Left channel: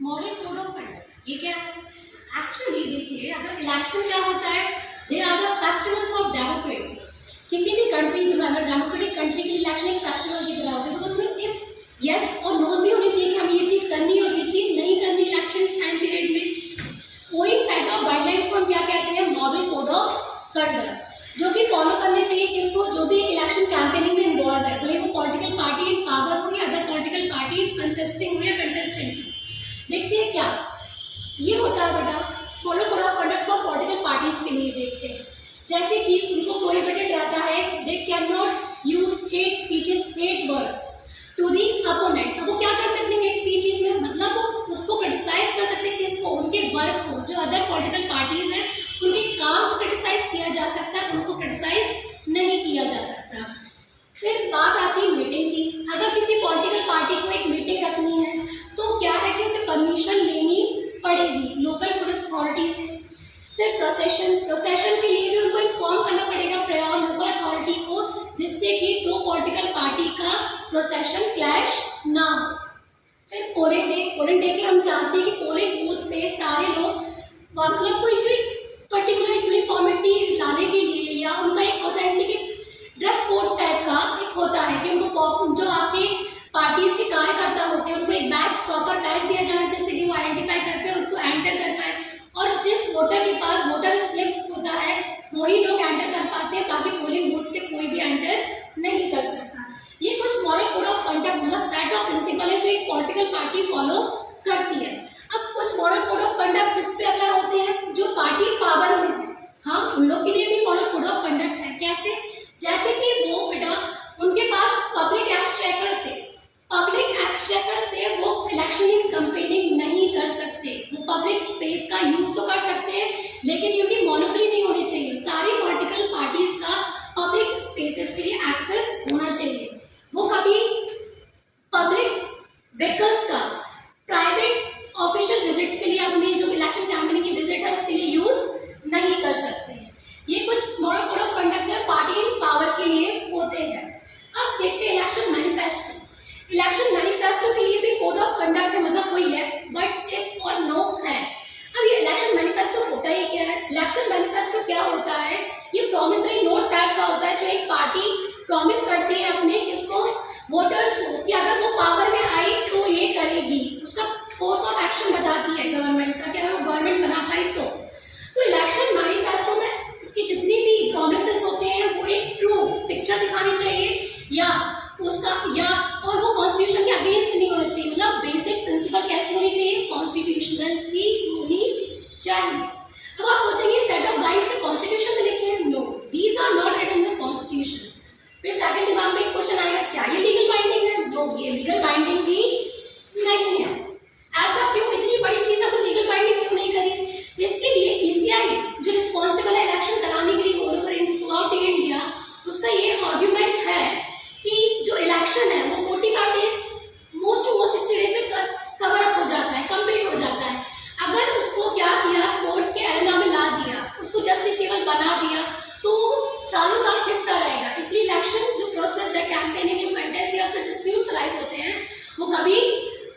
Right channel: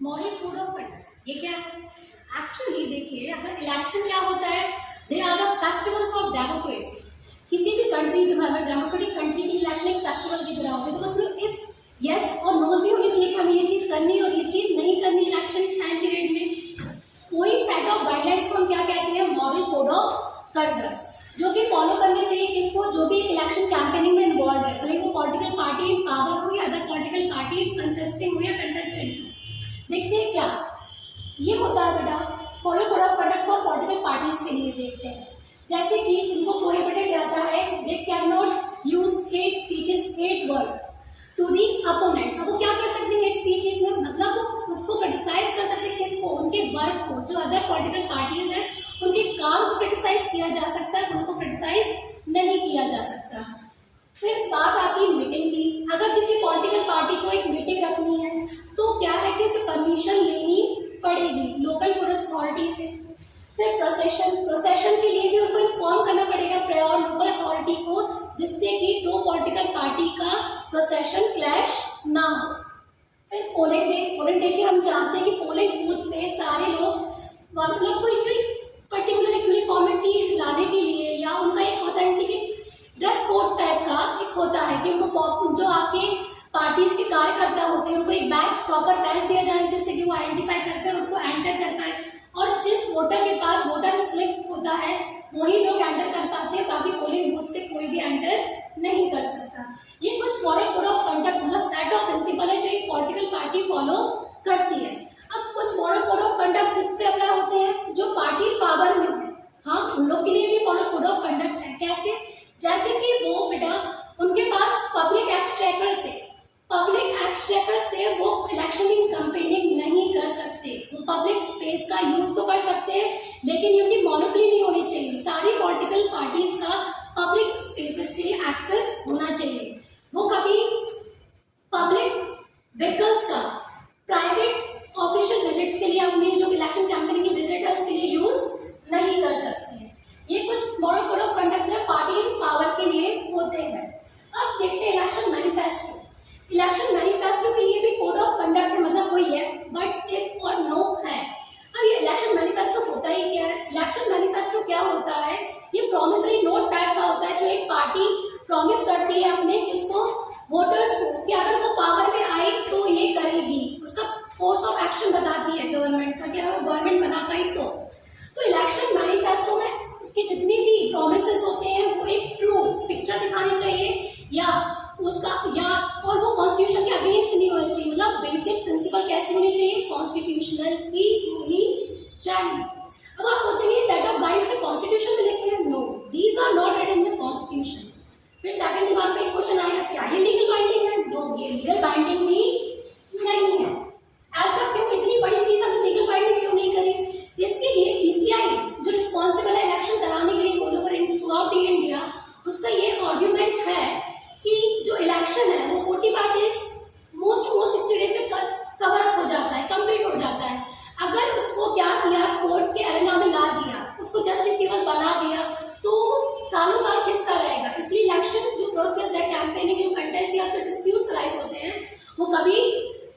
Model code of conduct, ये क्या है? एक्चुअली देखिए, अगर इलेक्शन क्या होता है, they are the festivals of democracy. किसी भी कंट्री जो है, डेमोक्रेटिक कंट्री के लिए इलेक्शन एक फेस्टिवल की तरह होता है, तो उसमें इफ यस और नोज भी होनी चाहिए कि हमें ये चीज़ करनी है और ये चीज़ नहीं करनी इलेक्शन टाइम पीरियड में। कोई सेट ऑफ गाइडलाइंस को हम क्या कहते हैं? मॉडल कोड ऑफ कंडक्ट, जो कि फॉलो करने चाहिए किसको? जो भी इलेक्शन कैंपेनिंग में इन्वॉल्व है, भले वो पॉलिटिकल पार्टी इन पावर हो या अदर पॉलिटिकल पार्टी कंटेस्टिंग हो या कंटेस्टेंट्स हो। देखते हैं क्या ये होता है बेटा, model code of conduct for political parties के लिए देखते हैं। जैसे कि उनको प्रोहिबिटेड रहता है, they can not use hate speeches, hate words to the opponent. अब वो क्या कर सकते हैं हेट स्पीचेस में? मतलब वो उसको क्रिटिसाइज कर सकते हैं, किसको? उनके वर्क को। जो अदर पॉलिटिकल पार्टीज हैं उनके काम को क्रिटिसाइज किया जा सकता है, उनको क्रिटिसाइज नहीं किया जा सकता। फिर बात आती है मीटिंग की। अगर किसी पॉलिटिकल पार्टी को एक मीटिंग रखनी है तो क्या है कि उसे परमिशन लेनी पड़ेगी लोकल पुलिस अथॉरिटी से। फिर प्रोसेशन के लिए भी उनको इन्फॉर्म करना पड़ेगा प्रायर लोकल अथॉरिटी को, जिससे कि दो पॉलिटिकल पार्टी का प्रोसेशन क्लैश ना हो। फिर पोलिंग डे के हम जानते हैं कि पोलिंग बूथ पे सारे लोग मतलब कोई जो पर्टिकुलर यूनिफॉर्मिटी लाने के लिए या उनका एक ऑथेंटिक ड्रेस कोड टाइप का एक होता है कि उनको जो आपके पार्टीज के कार्यकर्ता होते हैं उनको एक बैच, प्रॉपर बैच दिया जाना, जिससे कि वो आइडेंटिफाई कर पाए, उनको एंटर कर पाए। और जिस वोटर के पास वोटर स्लिप होता है वही लोग एंटर कर पाते हैं, बाकी पोलिंग बूथ से कोई भी एंटर नहीं कर सकता। ये कुछ मॉडल कोड ऑफ कंडक्ट मतलब सेट ऑफ प्रिंसिपल है जो एक पॉलिटिकल पार्टी फॉलो करती है। अब कुछ मॉडल कोड ऑफ कंडक्ट किस पे अप्लाई होते हैं? जो पार्टी पावर में है, हाँ उन लोग के लिए भी मॉडल कोड ऑफ कंडक्ट है। कैसे? जैसे कि वो बेटा उनके पास पब्लिक एक्सचेकर से वो इलेक्शन की कैंपेनिंग नहीं कर सकते। वो पब्लिक स्पेस का यूज तो कर सकते हैं, लेकिन उनकी मोनोपोली नहीं होनी चाहिए। सारी पॉलिटिकल पार्टीज का पब्लिक स्पेसेस के लिए एक्सेस होना चाहिए। वो कभी पब्लिक व्हीकल्स का प्राइवेट ऑफिशियल विजिट्स के लिए अपनी जो इलेक्शन कैंपेनिंग की विजिट है उसके लिए यूज नहीं कर सकते हैं। ये कुछ मॉडल कोड ऑफ कंडक्ट जो पार्टी इन पावर के लिए होते हैं। अब देखते हैं इलेक्शन मैनिफेस्टो। इलेक्शन मैनिफेस्टो के लिए भी कोड ऑफ कंडक्ट है, मतलब वही है बट स्किप और नो है। अब ये इलेक्शन मैनिफेस्टो होता ही क्या है? इलेक्शन मैनिफेस्टो क्या होता है? ये प्रॉमिसरी नोट टाइप का होता है जो एक पार्टी प्रॉमिस करती है अपने किसको? वोटर्स को, कि अगर वो पावर में आई तो ये करेगी। उसका कोर्स ऑफ एक्शन बताती है गवर्नमेंट का, कि अगर वो गवर्नमेंट बना पाई तो इलेक्शन मैनिफेस्टो में उसकी जितनी भी प्रॉमिसेस होते हैं वो एक ट्रू पिक्चर दिखानी चाहिए और वो कॉन्स्टिट्यूशन के अगेंस्ट नहीं होनी चाहिए। मतलब बेसिक प्रिंसिपल कैसी होनी चाहिए? कॉन्स्टिट्यूशनल ही होनी चाहिए। अब आप सोचेंगे सेट ऑफ गाइड्स कॉन्स्टिट्यूशन में लिखे हैं? No, these are not written in the constitution. फिर सेकंड दिमाग में एक क्वेश्चन आएगा, क्या ये लीगल बाइंडिंग है? नो, ये लीगल बाइंडिंग भी नहीं है। ऐसा क्यों? इतनी बड़ी चीज हमने लीगल बाइंडिंग क्यों नहीं करी? इसके लिए ईसीआई जो रिस्पॉन्सिबल है इलेक्शन कराने के लिए all over through out India, उसका ये आर्ग्यूमेंट है कि जो इलेक्शन है वो 45 days most to most 60 days में कवर अप हो जाता है, कंप्लीट हो जाता है। अगर उसको क्या किया, कोर्ट के एरेना में ला दिया, उसको जस्टिसेबल बना दिया, तो सालों साल खिंचता रहेगा। इसलिए इलेक्शन जो प्रोसेस है, कैंपेनिंग कंटेस्ट या फिर डिस्प्यूट्स राइज होते हैं, वो कभी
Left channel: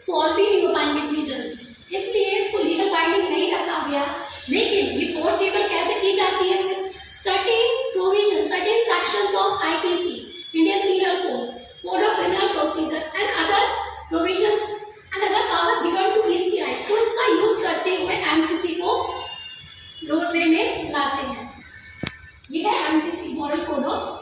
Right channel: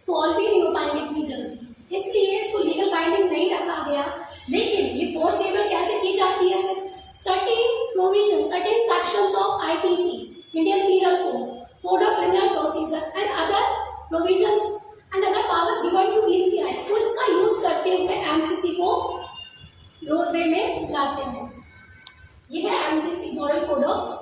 सॉल्व ही नहीं हो पाएंगे इतनी जल्दी। इसलिए इसको लीगल बाइंडिंग नहीं रखा गया। लेकिन ये फोर्सेबल कैसे की जाती है? Certain provision, certain sections of IPC, Indian penal code, code of criminal procedure and other provisions and other powers given to ECI, तो इसका यूज करते हुए एमसीसी को रोडवे में लाते हैं। यह है एमसीसी मॉडल कोड ऑफ